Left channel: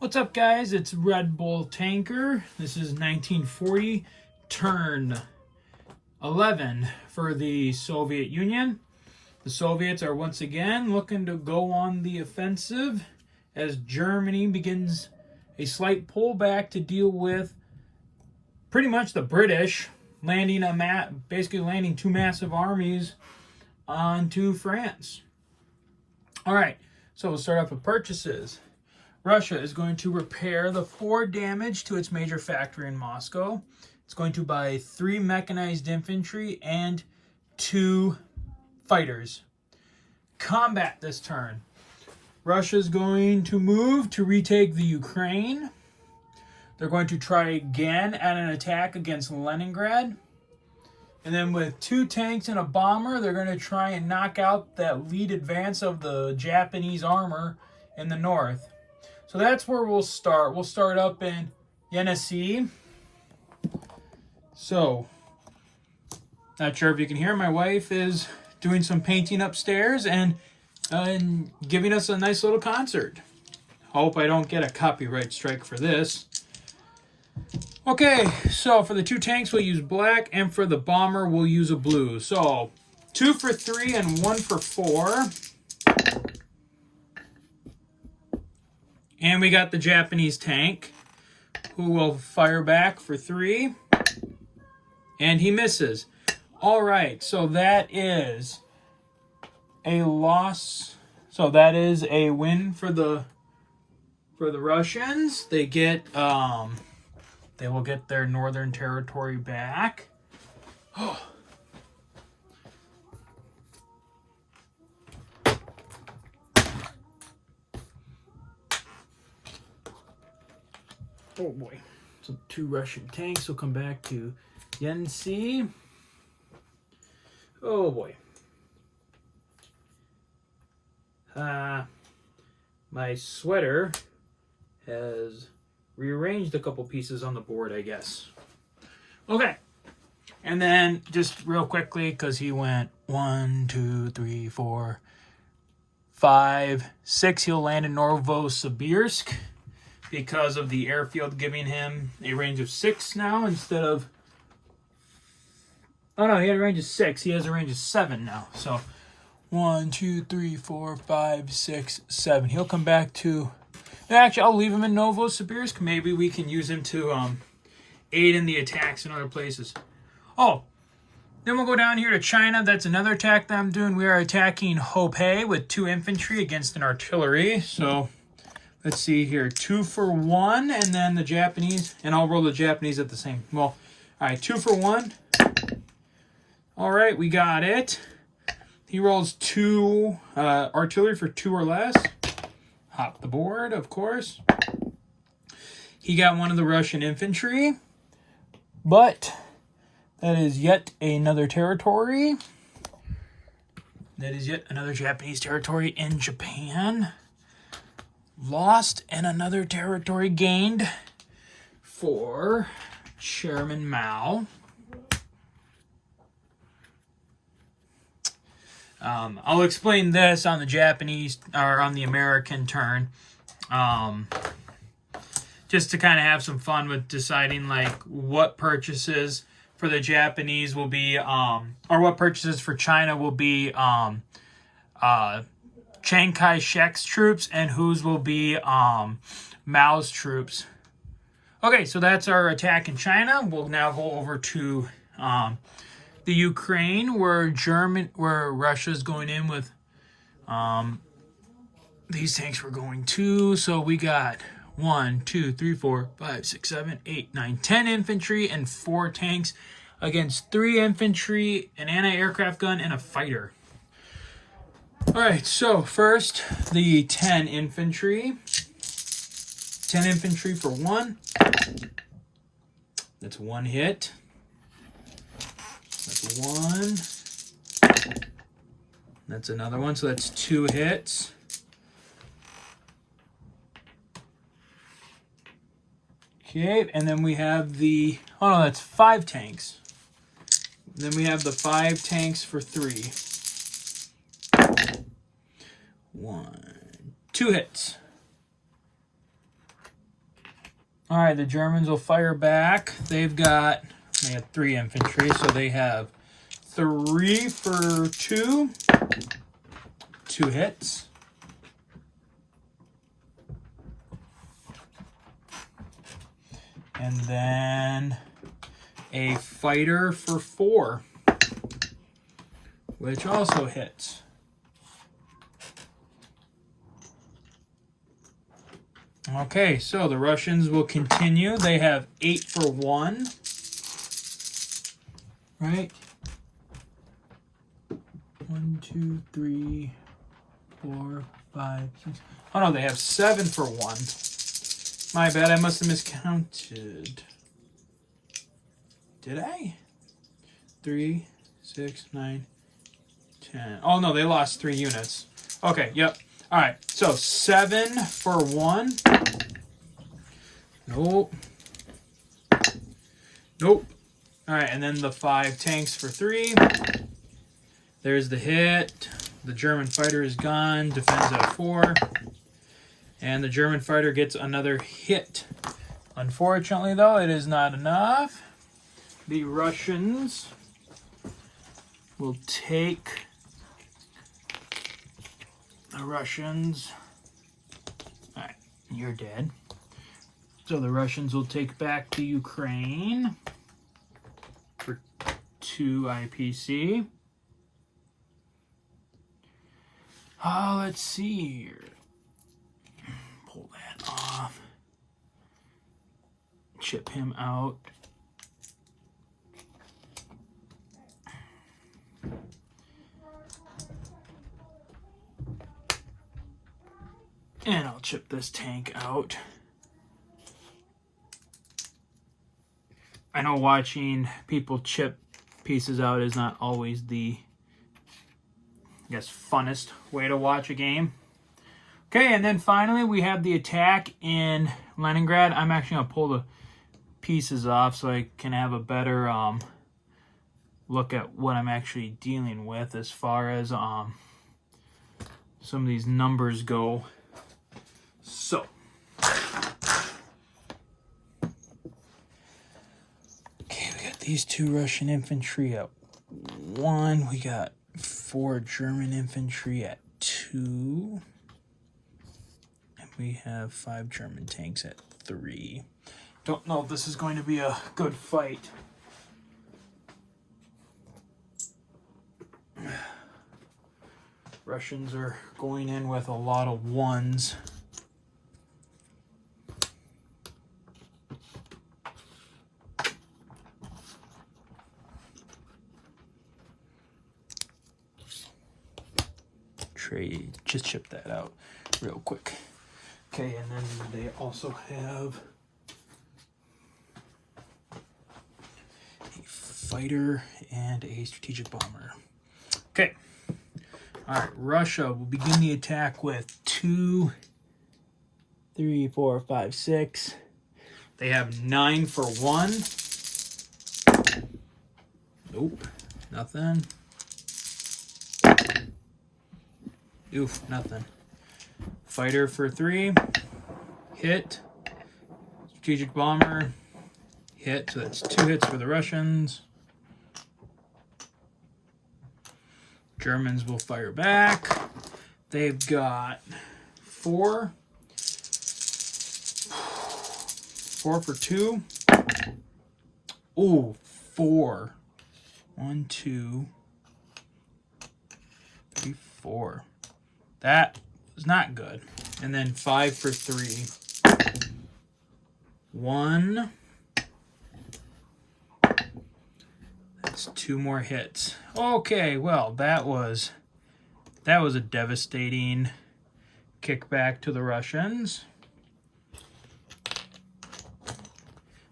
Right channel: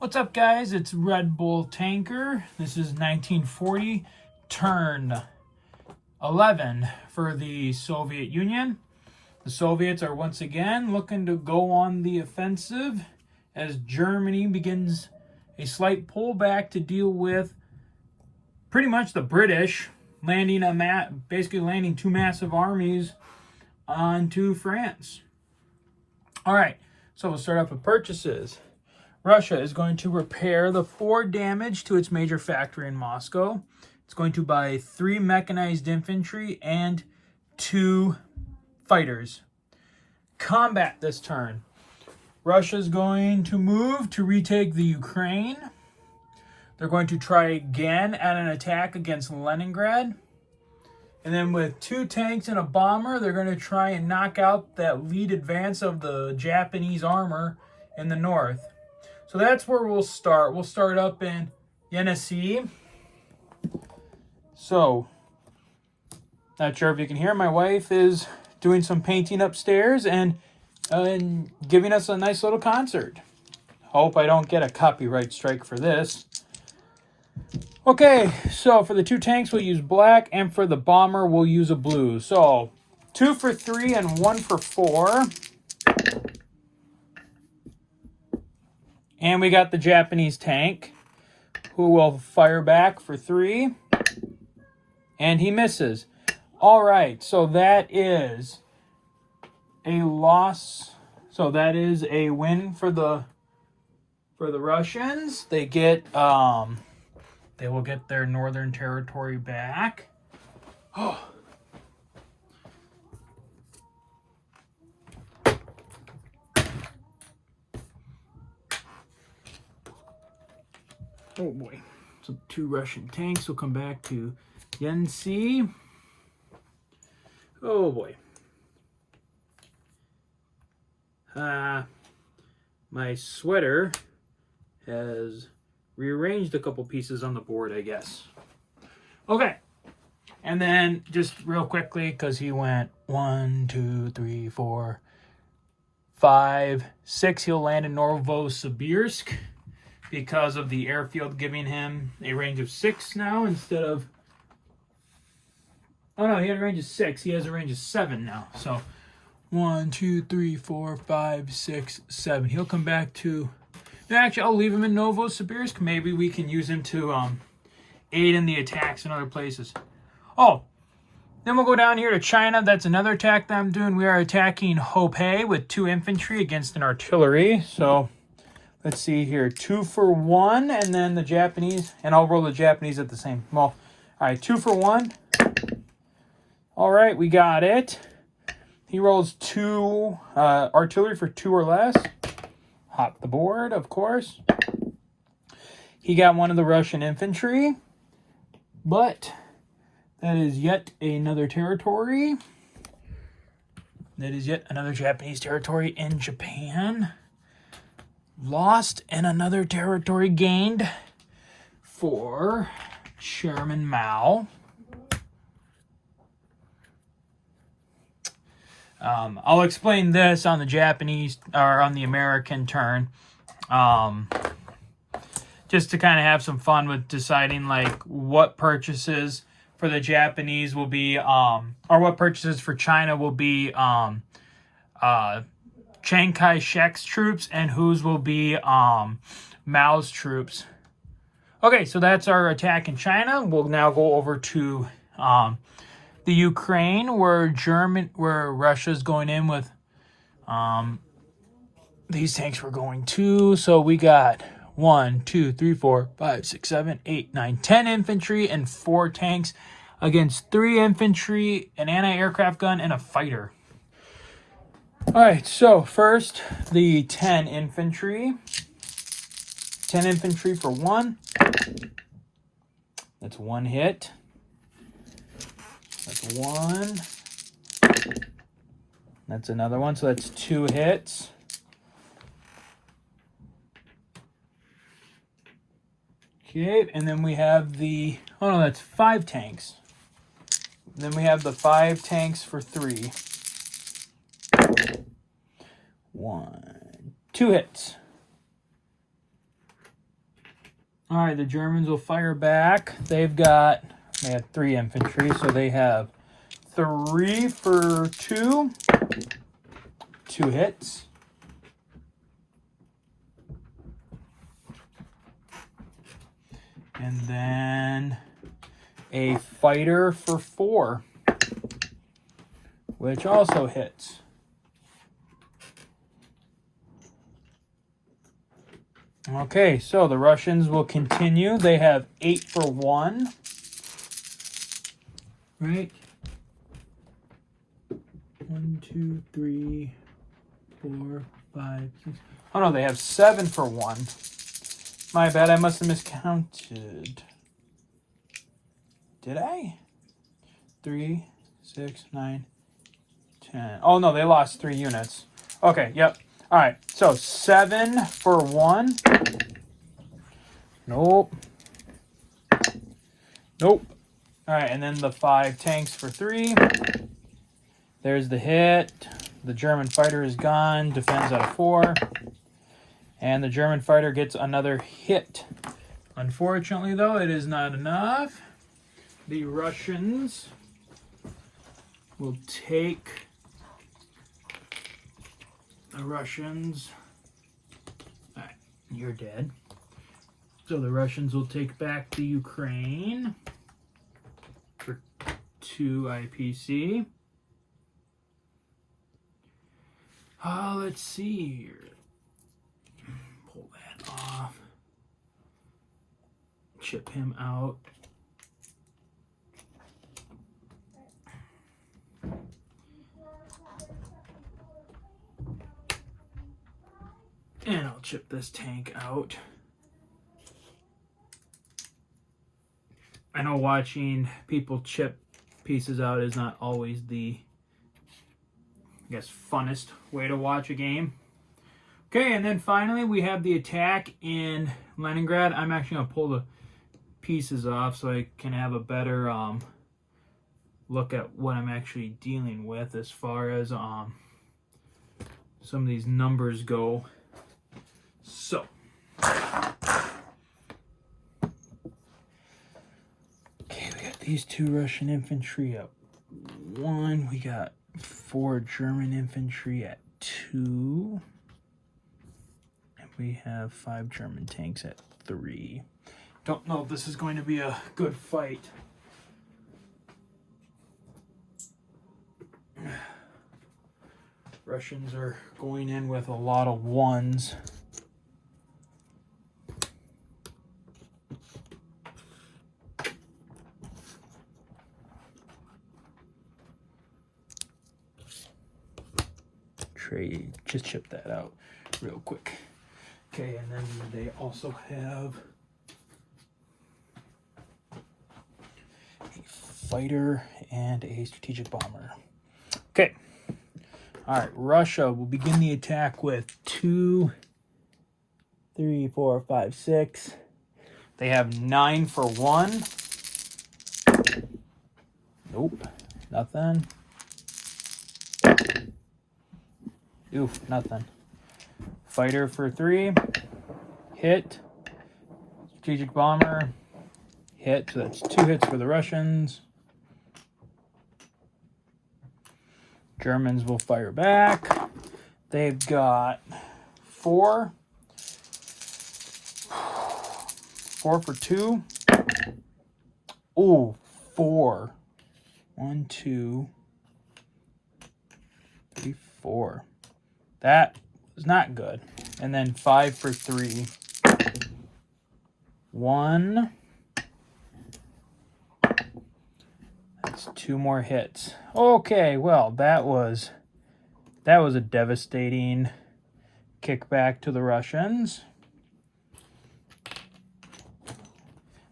What's up, guys? It's Red Bull Tanker. This is 1940, turn 11 for the Soviet Union. The Soviets are once again looking to go on the offensive as Germany begins a slight pullback to deal with pretty much the British basically landing two massive armies onto France. All right, so we'll start off with purchases. Russia is going to repair the 4 damage to its major factory in Moscow. It's going to buy 3 mechanized infantry and 2 fighters. Combat this turn. Russia is going to move to retake the Ukraine. They're going to try again at an attack against Leningrad. And then with 2 tanks and a bomber, they're going to try and knock out that lead advance of the Japanese armor in the north. So that's where we'll start. We'll start up in Yenisei. So, not sure if you can hear, my wife is doing some painting upstairs and giving us a nice little concert. Hope I don't get a copyright strike for this. Okay, so for the 2 tanks, we'll use black, and for the bomber, we'll use a blue. So, 2 for 3 and 1 for 4. And we got the Japanese tank, who will fire back for 3. And he misses. All right, so that is a loss. So that is a win for the Russians. They will get their northern territory back. Oh. Oh boy. So 2 Russian tanks will come back to Yenisei. Oh boy. My sweater has rearranged a couple pieces on the board, I guess. Okay. And then just real quickly, because he went 1, 2, 3, 4, 5, 6. He'll land in Novosibirsk, because of the airfield giving him a range of 6 now instead of... Oh, no, he had a range of 6. He has a range of 7 now. So, 1, 2, 3, 4, 5, 6, 7. He'll come back to... Actually, I'll leave him in Novosibirsk. Maybe we can use him to aid in the attacks in other places. Oh, then we'll go down here to China. That's another attack that I'm doing. We are attacking Hopei with 2 infantry against an artillery. So... let's see here, 2 for 1, and then the Japanese, and I'll roll the Japanese at the same. Well, all right, 2 for 1. All right, we got it. He rolls 2 artillery for 2 or less. Hop the board, of course. He got 1 of the Russian infantry, but that is yet another territory. That is yet another Japanese territory in Japan. Lost and another territory gained for Chairman Mao. I'll explain this on the Japanese or on the American turn, just to kind of have some fun with deciding like what purchases for the Japanese will be, or what purchases for China will be Chiang Kai-shek's troops and whose will be Mao's troops. Okay, so that's our attack in China. We'll now go over to the Ukraine, where Russia's going in with these tanks were going too. So we got 1, 2, 3, 4, 5, 6, 7, 8, 9, 10 infantry and 4 tanks against 3 infantry, an anti-aircraft gun, and a fighter. All right, so first, the 10 infantry. 10 infantry for 1. That's 1 hit. That's 1. That's another one, so that's 2 hits. Okay, and then we have the... oh, no, that's 5 tanks. Then we have the 5 tanks for 3. 1, 2 hits. All right, the Germans will fire back. They have 3 infantry, so they have 3 for 2. 2 hits. And then a fighter for 4, which also hits. Okay, so the Russians will continue. They have 8 for 1. Right? 1, 2, 3, 4, 5, 6. Oh no, they have 7 for 1. My bad, I must have miscounted. Did I? 3, 6, 9, 10. Oh no, they lost 3 units. Okay, yep. All right, so 7 for 1. Nope. Nope. All right, and then the 5 tanks for 3. There's the hit. The German fighter is gone. Defends at 4. And the German fighter gets another hit. Unfortunately, though, it is not enough. The Russians will take... The Russians... All right, you're dead. So the Russians will take back the Ukraine for 2 IPC. Let's see here. Pull that off. Chip him out. And I'll chip this tank out. I know watching people chip pieces out is not always the, I guess, funnest way to watch a game. Okay, and then finally we have the attack in Leningrad. I'm actually going to pull the pieces off so I can have a better look at what I'm actually dealing with as far as some of these numbers go. So, okay, we got these 2 Russian infantry at 1. We got 4 German infantry at 2. And we have 5 German tanks at 3. Don't know if this is going to be a good fight. Russians are going in with a lot of 1s. Just chip that out real quick. Okay, and then they also have a fighter and a strategic bomber. Okay. All right, Russia will begin the attack with 2, 3, 4, 5, 6. They have 9 for 1. Nope, nothing. Oof, nothing. Fighter for 3. Hit. Strategic bomber. Hit. So that's 2 hits for the Russians. Germans will fire back. They've got 4. 4 for 2. Ooh, 4. 1, 2, 3, 4. That was not good. And then 5 for 3. 1. That's 2 more hits. Okay, well, that was a devastating kickback to the Russians.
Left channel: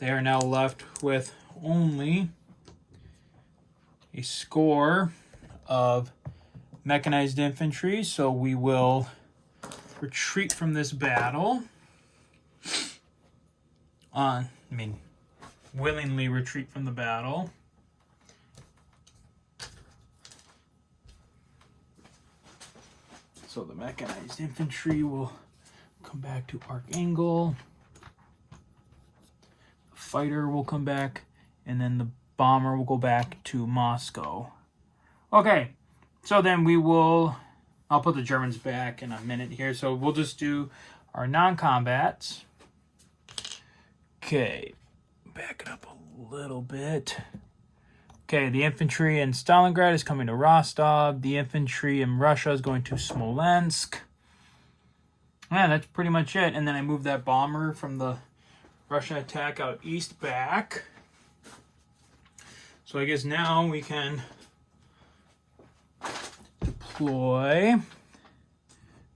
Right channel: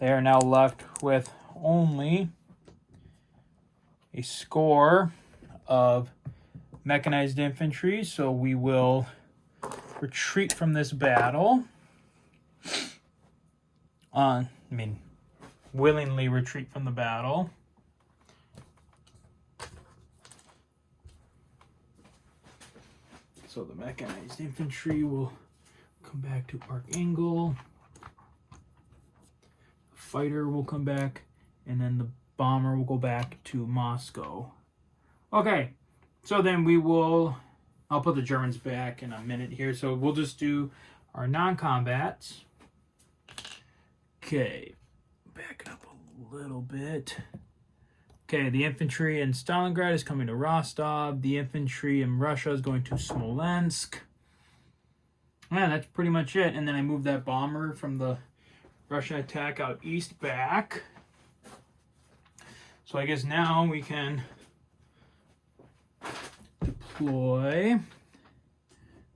They are now left with only a score of mechanized infantry, so we will retreat from this battle. Willingly retreat from the battle. So the mechanized infantry will come back to arc angle. fighter will come back, and then the bomber will go back to Moscow. Okay, so then I'll put the Germans back in a minute here. So we'll just do our non-combats. Okay, back it up a little bit. Okay, the infantry in Stalingrad is coming to Rostov. The infantry in Russia is going to Smolensk. Yeah, that's pretty much it. And then I moved that bomber from the Russian attack out east back. So I guess now we can deploy.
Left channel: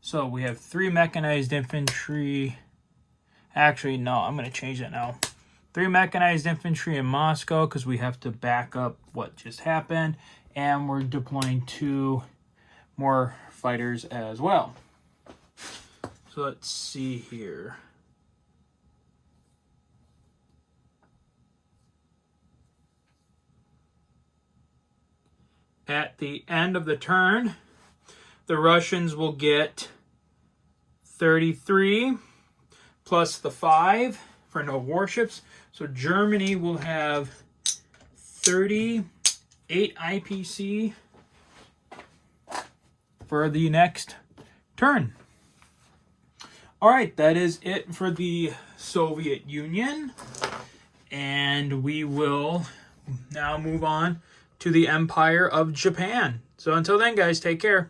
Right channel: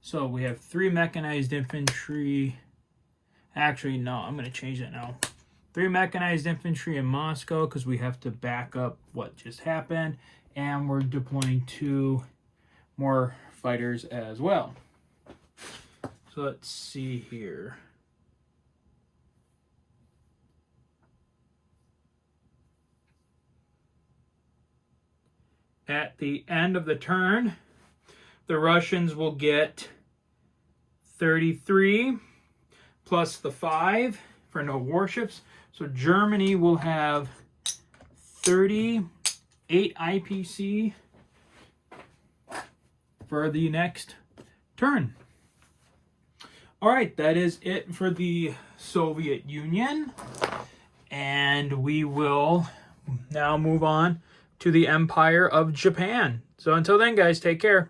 So we have 3 mechanized infantry. Actually, no, I'm going to change that now. 3 mechanized infantry in Moscow because we have to back up what just happened. And we're deploying 2 more fighters as well. So let's see here. At the end of the turn, the Russians will get 33 plus the 5 for no warships. So Germany will have 38 IPC for the next turn. All right, that is it for the Soviet Union. And we will now move on to the Empire of Japan. So until then, guys, take care.